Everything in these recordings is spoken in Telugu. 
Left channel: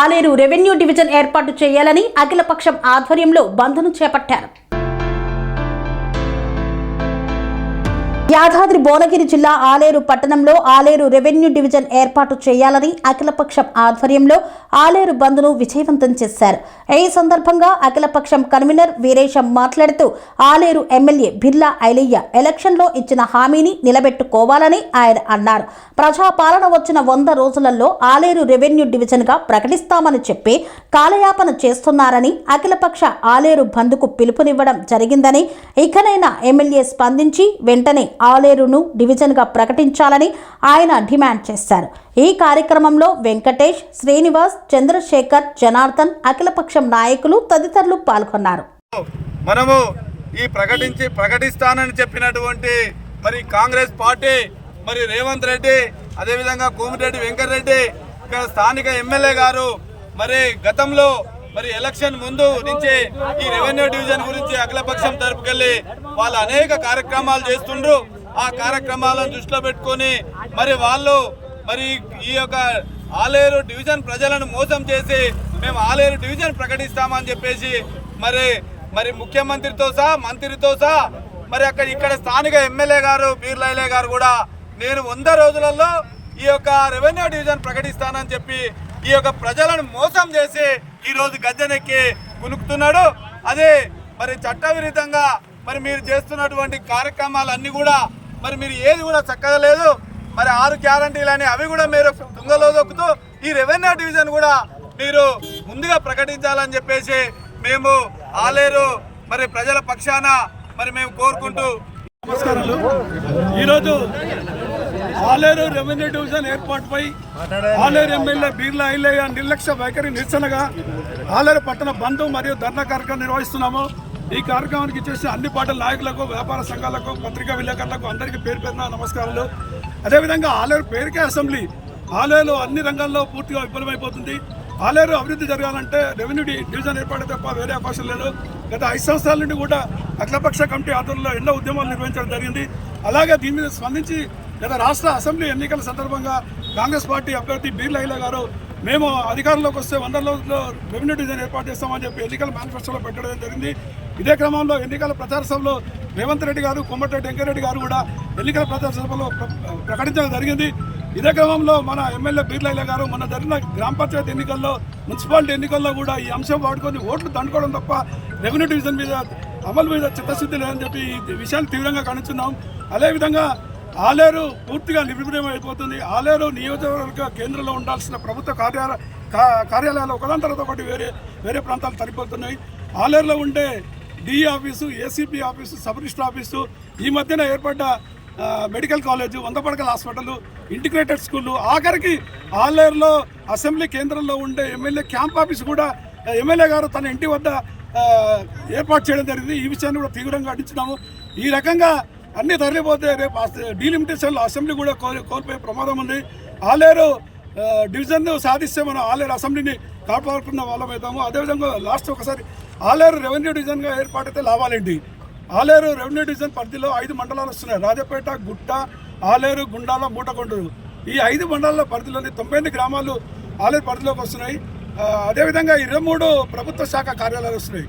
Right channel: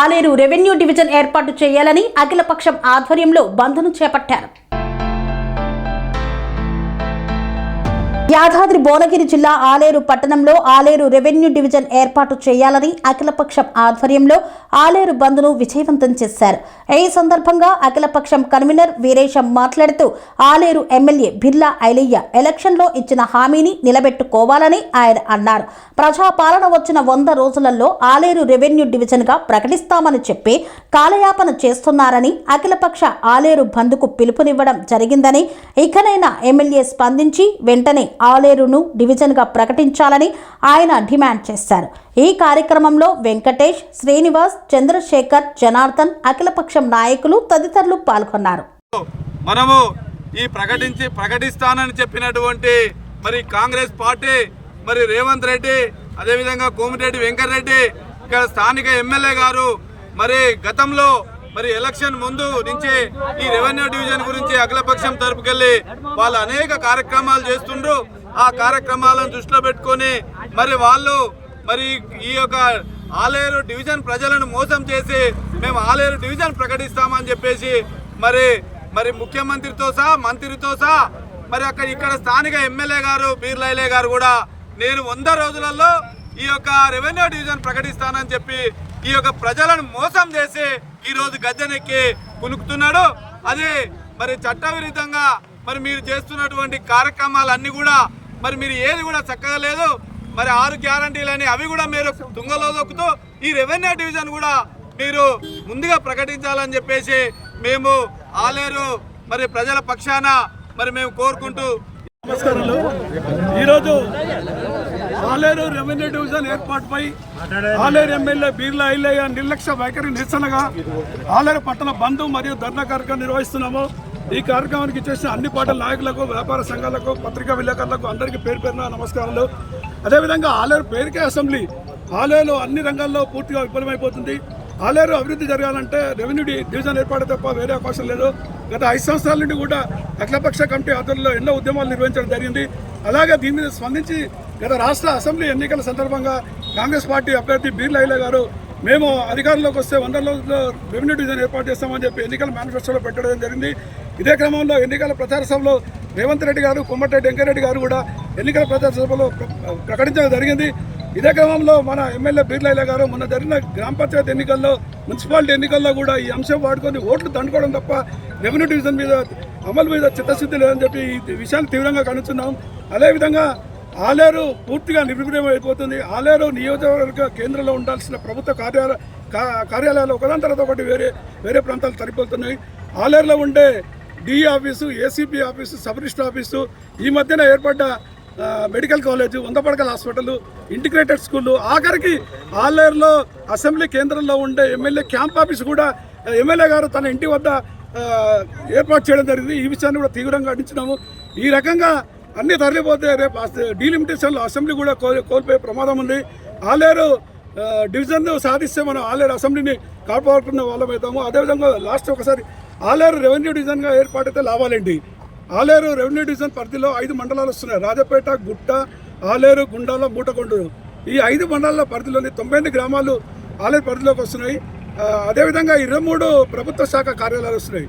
ఆలేరు రెవెన్యూ డివిజన్ ఏర్పాటు చేయాలని అఖిలపక్షం ఆధ్వర్యంలో బంద్ను చేపట్టారు. యాదాద్రి భువనగిరి జిల్లా ఆలేరు పట్టణంలో ఆలేరు రెవెన్యూ డివిజన్ ఏర్పాటు చేయాలని అఖిలపక్షం ఆధ్వర్యంలో ఆలేరు బంద్ను విజయవంతం చేశారు. ఈ సందర్భంగా అఖిలపక్షం కన్వీనర్ వీరేశం మాట్లాడుతూ ఆలేరు ఎమ్మెల్యే బిర్లా ఐలయ్య ఎలక్షన్లో ఇచ్చిన హామీని నిలబెట్టుకోవాలని ఆయన అన్నారు. ప్రజాపాలన వచ్చిన 100 రోజులలో ఆలేరు రెవెన్యూ డివిజన్గా ప్రకటిస్తామని చెప్పి కాలయాపన చేస్తున్నారని అఖిలపక్ష ఆలేరు బంద్కు పిలుపునివ్వడం జరిగిందని, ఇకనైనా ఎమ్మెల్యే స్పందించి వెంటనే ఆలేరును డివిజన్గా ప్రకటించాలని ఆయన డిమాండ్ చేశారు. ఈ కార్యక్రమంలో వెంకటేష్, శ్రీనివాస్, చంద్రశేఖర్, జనార్దన్, అఖిలపక్షం నాయకులు తదితరులు పాల్గొన్నారు. మనము ఈ ప్రకటిస్తానని చెప్పినటువంటి మరి కాంగ్రెస్ పార్టీ, మరి రేవంత్ రెడ్డి, అదేవిధంగా కోమిరెడ్డి వెంకటరెడ్డి, ఇక్కడ స్థానిక ఎమ్మెల్యే గారు మరి గతంలో మరి ఎలక్షన్ ముందు నుంచి ఈ రెవెన్యూ డివిజన్ గురించి అఖిలపక్షం తరపుకెళ్ళి వాళ్ళు అనేక కార్యక్రమాలు చేస్తుండ్రు. ఆ కార్యక్రమాలను దృష్టిలో పెట్టుకొని మరి వాళ్ళు మరి ఈ యొక్క ఆలేరు డివిజన్ ప్రజలను మోసం చేసి మేము ఆలేరు డివిజన్ ప్రకటిస్తామని చెప్పేసి మరి ముఖ్యమంత్రితో సహా మంత్రితో సహా మరి ఇక్కడ స్థానిక ఎమ్మెల్యే గారు బిర్లా ఐలయ్య గారు కూడా నేను 100 రోజులలో ఈ యొక్క రెవెన్యూ డివిజన్ ప్రకటిస్తానని చెప్పి ఈ యొక్క ప్రజలను మోసం చేసి ఈరోజు గద్దెనెక్కి కునుకుతున్నాడు. అదే మరి చట్టవిరుద్ధంగా మరి మీరు చేస్తున్నటువంటి కార్యక్రమాలన్నీ కూడా మరి మీరు ఏది కూడా చక్కగా లేదు. మరి 6 గ్యారంటీలని అవి కూడా మీరు తుంగలో దొక్కుతూ ఈ రెవెన్యూ డివిజన్ కూడా మీరు ముందుగా ప్రకటించాలని చెప్పేసి మేము ఆలేరు మరి ప్రజల పక్షాన మరి మేము కోరుకుంటూ నమస్కారాలు. ఈరోజు ఆలేరు రెవెన్యూ డివిజన్ ఏర్పాటుపై ఆలేరు ఎమ్మెల్యే బిర్లా ఐలయ్య నిర్లక్ష్య వైఖరి నిరసనగా ఆలేరు పట్టణ బంధు మరియు ధర్నా కార్యక్రమం నిర్వహిస్తున్నాము. ఈ కార్యక్రమానికి చేసిన అన్ని పార్టీల నాయకులకు, వ్యాపార సంఘాలకు, పత్రికా విలేకరులకు అందరికీ పేరు పేరున నమస్కారాలు. అదేవిధంగా ఆలేరు పేరుకే అసెంబ్లీ, ఆలేరు అన్ని రంగాల్లో పూర్తిగా విఫలమైపోతుంది. ఆలేరు అభివృద్ధి జరగాలంటే రెవెన్యూ డివిజన్ ఏర్పాటు తప్ప వేరే అవకాశం లేదు. గత 5 సంవత్సరాల నుండి కూడా అఖిలపక్ష కమిటీ ఆధ్వర్యంలో ఎన్నో ఉద్యమాలు నిర్వహించడం జరిగింది. అలాగే దీని మీద స్పందించి గత రాష్ట్ర అసెంబ్లీ ఎన్నికల సందర్భంగా కాంగ్రెస్ పార్టీ అభ్యర్థి బిర్లా ఐలయ్య గారు మేము అధికారంలోకి వస్తే 100 రోజుల్లో రెవెన్యూ డివిజన్ ఏర్పాటు చేస్తామని చెప్పి ఎన్నికల మేనిఫెస్టోలో పెట్టడం జరిగింది. ఇదే క్రమంలో ఎన్నికల ప్రచార సభలో రేవంత్ రెడ్డి గారు, కోమటిరెడ్డి వెంకటరెడ్డి గారు కూడా ఎన్నికల ప్రచార సభలో ప్రకటించడం జరిగింది. ఇదే క్రమంలో మన ఎమ్మెల్యే బిర్లా ఐలయ్య గారు మొన్న జరిగిన గ్రామ పంచాయతీ ఎన్నికల్లో, మున్సిపాలిటీ ఎన్నికల్లో కూడా ఈ అంశం వాడుకొని ఓట్లు దండుకోవడం తప్ప రెవెన్యూ డివిజన్ మీద అమలు మీద చిత్తశుద్ధి లేదని చెప్పి ఈ విషయాన్ని తీవ్రంగా ఖండిస్తున్నాం. అదేవిధంగా ఆలేరు పూర్తిగా నిర్వీర్యం అయిపోతుంది. ఆలేరు నియోజకవర్గ కేంద్రంలో ఉండాల్సిన ప్రభుత్వ కార్యాలయాలు ఒకదాని తర్వాత ఒకటి వేరే ప్రాంతాలు తరిపోతున్నాయి. ఆలేరులో ఉండే DE office, ACP office, sub register office, ఈ మధ్యన ఏర్పడ్డ మెడికల్ కాలేజు, 100 పడకల హాస్పిటల్, ఇంటిగ్రేటెడ్ స్కూళ్ళు, ఆఖరికి ఆలేరులో అసెంబ్లీ కేంద్రంలో ఉండే ఎమ్మెల్యే క్యాంప్ ఆఫీసు కూడా ఎమ్మెల్యే గారు తన ఇంటి వద్ద ఏర్పాటు చేయడం జరిగింది. ఈ విషయాన్ని కూడా తీవ్రంగా ఖండించినాము. ఈ రకంగా అన్నీ తరలిపోతే రేపు డీలిమిటేషన్లో అసెంబ్లీ కూడా కోల్పోయే ప్రమాదం ఉంది. ఆలేరు డివిజన్ సాధిస్తే మనం ఆలేరు అసెంబ్లీని కాపాడుకున్న వాళ్ళం అవుతాము. అదేవిధంగా లాస్ట్ ఒకసారి ఆలేరు రెవెన్యూ డివిజన్గా ఏర్పాటైతే లాభాలేంటి? ఆలేరు రెవెన్యూ డివిజన్ పరిధిలో 5 మండలాలు వస్తున్నాయి. రాజపేట, గుట్ట, ఆలేరు, గుండాల, మూటకొండూరు. ఈ 5 మండలాల పరిధిలోని 98 గ్రామాలు ఆలేరు పరిధిలోకి వస్తున్నాయి. అదేవిధంగా 23 ప్రభుత్వ శాఖ కార్యాలయాలు వస్తున్నాయి.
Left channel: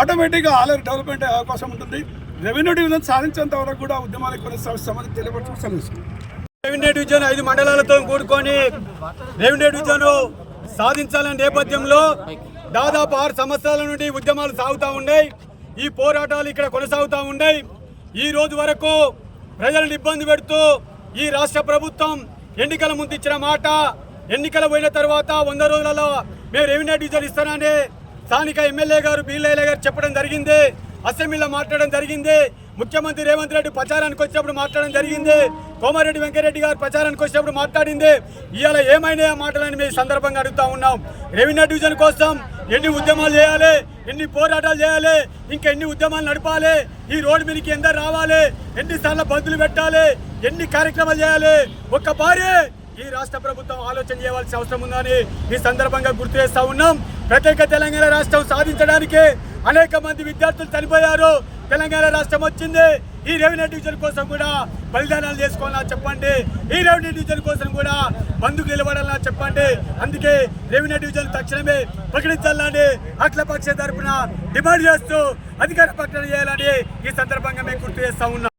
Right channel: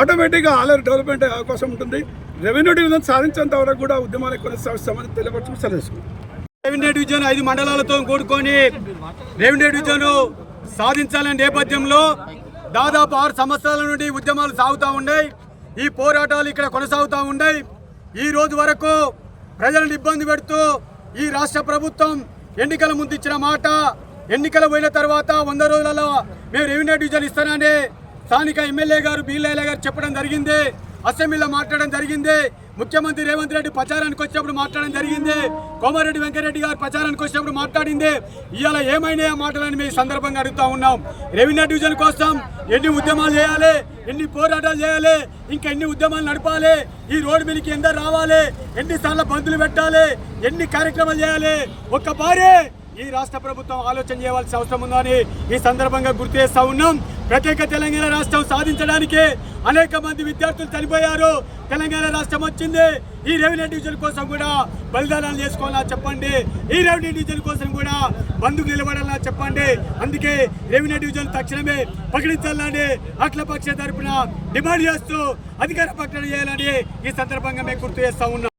ఆటోమేటిక్గా ఆలేరు డెవలప్మెంట్ అయ్యే అవకాశం ఉంటుంది. రెవెన్యూ డివిజన్ సాధించేంత వరకు కూడా ఉద్యమాన్ని కొనసాగిస్తామని తెలియపరచు సెలవు. రెవెన్యూ డివిజన్ 5 మండలాలతో కూడుకొని రెవెన్యూ డివిజన్ సాధించాలనే నేపథ్యంలో దాదాపు 6 సంవత్సరాల నుండి ఉద్యమాలు సాగుతూ ఉన్నాయి. ఈ పోరాటాలు ఇక్కడ కొనసాగుతూ ఉన్నాయి. ఈ రోజు వరకు ప్రజలను ఇబ్బంది పెడుతూ ఈ రాష్ట్ర ప్రభుత్వం ఎన్నికల ముందు ఇచ్చిన మాట, ఎన్నికలు పోయిన తర్వాత 100 రోజులలో మేము రెవెన్యూ డివిజన్ ఇస్తానని స్థానిక ఎమ్మెల్యే గారు బిర్లా ఐలయ్య గారు చెప్పడం జరిగింది. అసెంబ్లీలో మాట్లాడడం జరిగింది. ముఖ్యమంత్రి రేవంత్ రెడ్డి ప్రచారానికి వచ్చినప్పుడు మాట్లాడడం జరిగింది. కోమటిరెడ్డి వెంకటరెడ్డి గారు ప్రచారానికి వచ్చినప్పుడు మాట్లాడింది. ఇవాళ ఏమైనా మాటలని మేము సందర్భంగా అడుగుతూ ఉన్నాం. రెవెన్యూ డివిజన్ కోసం ఎన్ని ఉద్యమాలు చేయాలి, ఎన్ని పోరాటాలు చేయాలి, ఇంకా ఎన్ని ఉద్యమాలు నడపాలి, ఈ రోడ్డు మీదకి ఎందరు రావాలి, ఎన్నిసార్లు బంధులు పెట్టాలి, ఎన్ని కార్యక్రమాలు చేయాలి. ఒక్క భారీ ఈ రాష్ట్ర ప్రభుత్వం ఆలోచన చేయవలసిన అవసరం ఉందని ఈ సందర్భంగా గుర్తు చేస్తా ఉన్నాం. ప్రత్యేక తెలంగాణ రాష్ట్రం సాధించడానికి అనేక మంది విద్యార్థులు చనిపోయారు. తెలంగాణ రాష్ట్రం వచ్చింది. ఈ రెవెన్యూ డివిజన్ కోసం కూడా బలిదానాలు చేసుకోవాలా చెప్పండి. ఈ రెవెన్యూ డివిజన్ కోసం కూడా బంధుకు నిలబడాలా చెప్పండి. అందుకే రెవెన్యూ డివిజన్ తక్షణమే ప్రకటించాలని అఖిలపక్ష తరపున డిమాండ్ చేస్తూ అధికార ప్రకటన చేయాలని ఈ సందర్భంగా మేము గుర్తు చేస్తా ఉన్నాం.